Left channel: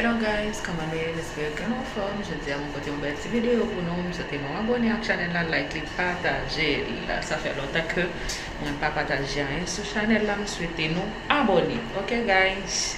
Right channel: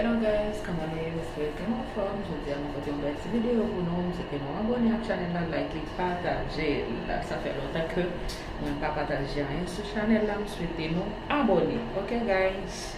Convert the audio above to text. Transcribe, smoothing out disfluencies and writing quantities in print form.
Hello guys, comment nous j'espère que nous forme. Je dis à mon côté une belle petite vidéo pour nous. Vous êtes nous abonner à la chaîne là, like, partager. Là, ça fait longtemps que moi pas partagé rien sur la chaîne là. Nous souhaitons nous abonner. Ok guys.